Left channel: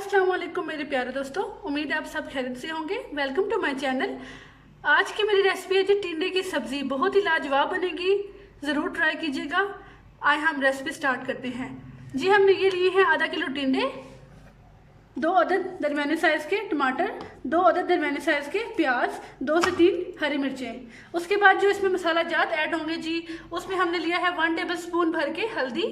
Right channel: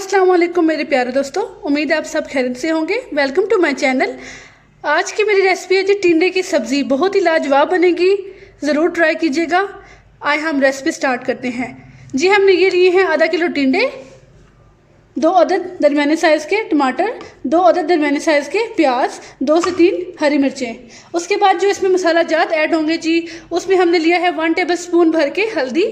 अस्सलाम वालेकुम मेरे प्यारे दोस्तों, उम्मीद है आप सब खैरियत से होंगे। Welcome to my channel. आज की मेरी रेसिपी है जी टिंडे की सब्ज़ी। बहुत ही लाजवाब बनेगी, ज़रूर ट्राई कीजिएगा। आए हम रेसिपी स्टार्ट करते हैं। जी हमने ये लिए हैं आधा किलो टिंडे, 2 अदद दरमियाने साइज़ के टमाटर, 2 अदद दरमियाने साइज़ के प्याज, 2 से 3 हरी मिर्चें। उसके बाद जो इसमें मसाला जात ऐड होंगे जी, उसमें हमने लिया है 1 टेबल स्पून भर के हल्दी,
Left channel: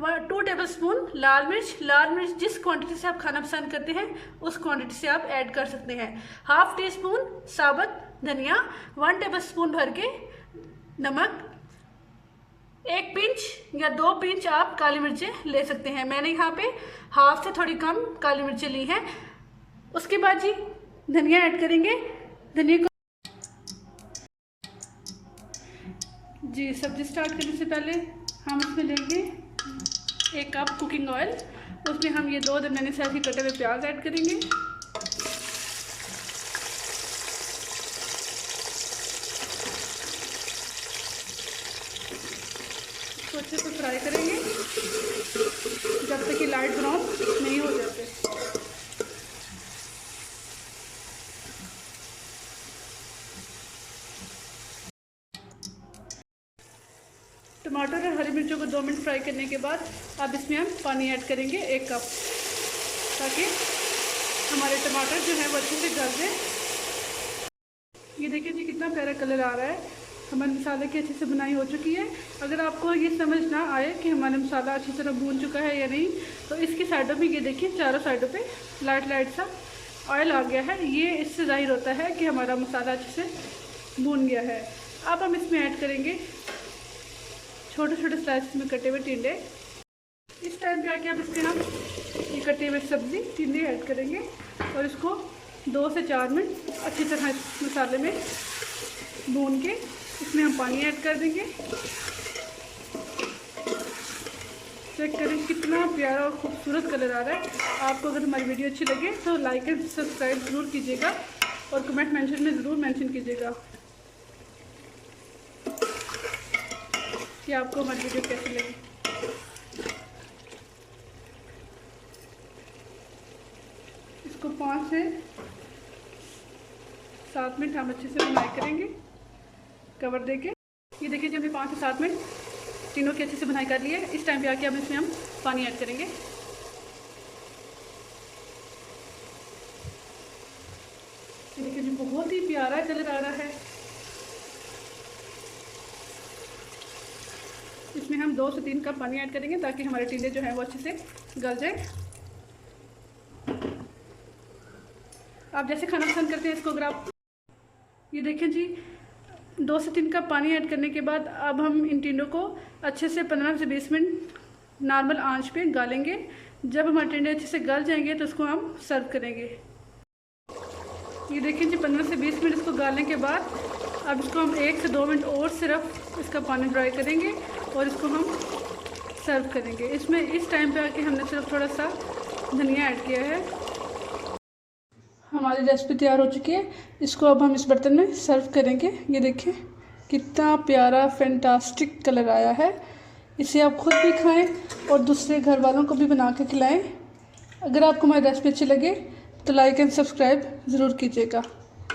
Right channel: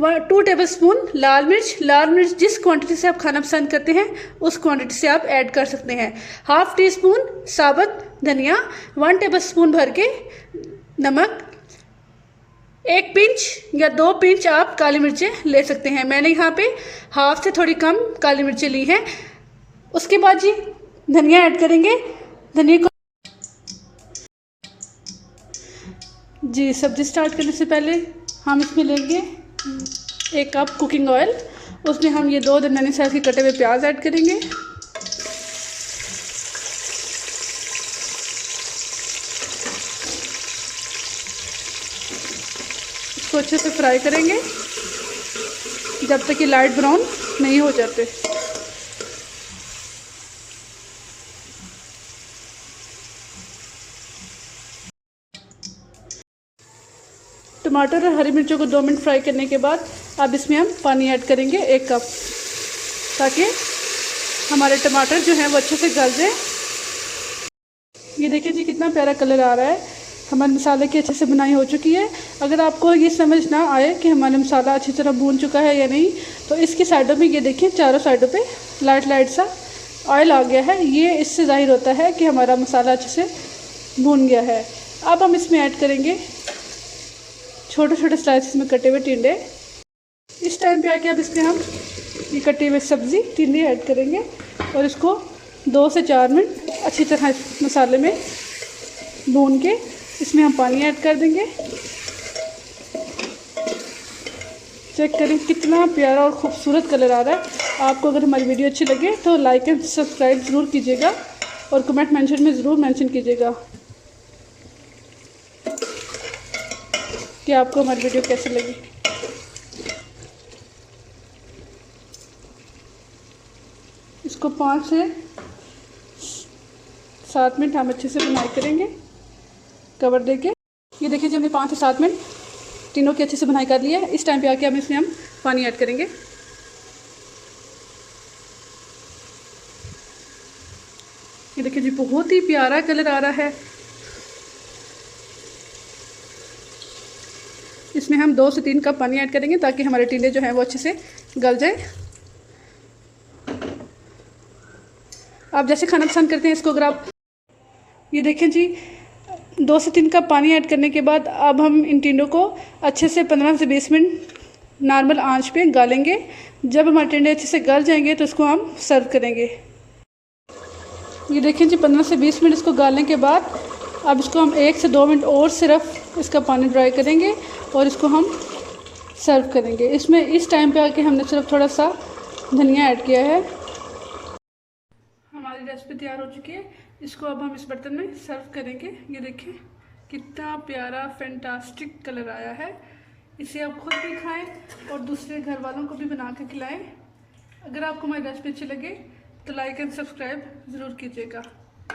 2 टेबल स्पून लाल मिर्च जिस क्वांटिटी से आप खाना पसंद करते हैं उस क्वांटिटी से आप ऐड कर सकते हैं। हाफ टी स्पून साबुत धनिया, 1 टेबल स्पून भर के नमक, 1 पिंच या 2 पिंच आप काली मिर्चें ले सकते हैं। मैंने यहाँ पे हाफ से थोड़ी कम काली मिर्चें ली हैं। उसके बाद जी धनिया ऐड करेंगे। धनिया को जी सब्जी स्टार्ट करने से पहले हम इसमें लेंगे 1 कप कुकिंग ऑयल। उसमें हम ये 2 दरमियानी साइज़ के कटे हुए प्याज ऐड करेंगे। इसको अच्छे से फ्राई करेंगे जब तक कि लाइट ब्राउन नहीं हो जाते। टमाटर और हरी मिर्चों को 2 मिनट फ्राई करने के बाद अब इसमें हम पानी ऐड करेंगे 1 कप, ताकि हमारे टमाटर जो हैं वो अच्छे से गल जाए। ये देखिए जी कितना प्यारा कलर आ रहा है। हमारे मसाले की अच्छे से बुनाई हो चुकी है। अगर आपको ये समझ ना आए कि हमारा मसाला अच्छी तरह भून चुका है या नहीं, तो इसकी साइडों में ये देखिए चारों साइडों पे लाइट सा ऑयल आ गया है। ये इससे ज़ाहिर होता है कि हमारा मसाला अच्छे से भून गया है। अब हम इसमें ऐड करेंगे छोटे छोटे स्लाइसेस में कटे हुए टिंडे। इस टाइम पे आके अब इसमें हम ये कटी हुई सब्ज़ी टिंडे ऐड करेंगे और इसको 2 से 4 मिनट अच्छी तरह इस मसाले में भून के इसमें हम पानी ऐड कर देंगे। चेक करें कितना प्यारा और ख़ूबसूरत कलर आ रहा है। आपको अगर हमारी वीडियो अच्छी लगे तो लाइक एंड सब्सक्राइब ज़रूर कीजिएगा और कमेंट मेंशन में ज़रूर मेंशन कीजिएगा कि आपको हमारी वीडियो कैसी लगी। इसको 5 से 7 मिनट हम अच्छे से बुनाई करेंगे कवर देके। ये देखिए जी हमने 5 से 7 मिनट तीनों की अच्छे से बुनाई कर ली है। इस टाइम पे आके अब इसमें हम पानी ऐड करेंगे। ये देखिए जी बहुत ही प्यारा कलर आ रहा है। इसमें हम 2 से 3 कप पानी ऐड करेंगे ताकि हमारे टिंडे जो हैं वो अच्छे से गल जाए। आप जैसे खाना पसंद करते हैं इसको, अगर आप ये देखें जी 2 से 3 कप पानी ऐड करने के बाद अब हम इन टिंडों को अच्छे से 15 से 20 मिनट नॉर्मल आंच पे गालेंगे। जब हमारे टिंडे अच्छे से गल जाएंगे तो इसको हम सर्व करेंगे। ये देखें जी 15 से 20 मिनट इसको गालने के बाद अब इसको हम 1 से 2 मिनट और सिर्फ इसका पानी ड्राई करेंगे और इसको हम सर्व करेंगे। इसमें इस टाइम पे आके हमने सिर्फ थोड़ा सा धनिया ऐड किया है। हमारी रेसिपी तैयार हो चुकी है। इसको अब हम इस बर्तन में सर्व करेंगे। ये देखिए कितना प्यारा फैंटास्टिक कलर आया है। इसे आप खुद भी खाएं और दूसरे घर वालों को भी बना के खिलाएं। अगर आपको हमारी रेसिपी अच्छी लगे तो लाइक एंड सब्सक्राइब ज़रूर कीजिएगा।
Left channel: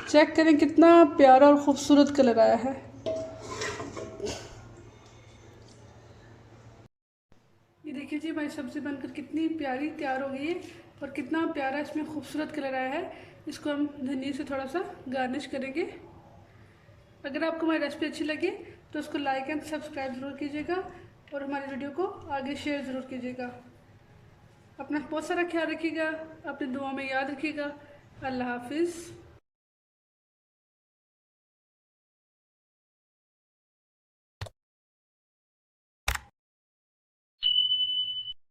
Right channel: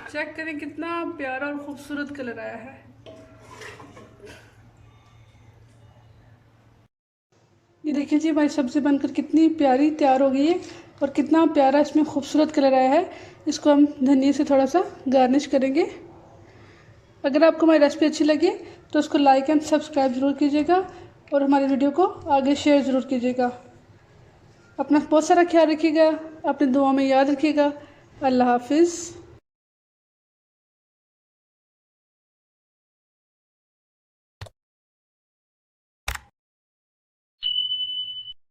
चेक करें कितना प्यारा और ख़ूबसूरत कलर आया है। ये देखिए जी हमारी सब्ज़ी बनकर कितनी प्यारी तैयार हो गई है और कितना प्यारा इसमें खूबसूरत कलर आया है। इसको हम धनिया से थोड़ा सा गार्निश करेंगे। अगर आपको हमारी रेसिपी अच्छी लगे तो उसको लाइक एंड सब्सक्राइब ज़रूर कीजिएगा और हमारी वीडियो को आगे शेयर ज़रूर कीजिएगा। अपना बहुत सारा ख्याल रखिएगा, अपनी दुआ में याद रखिएगा। अल्लाह हाफिज़।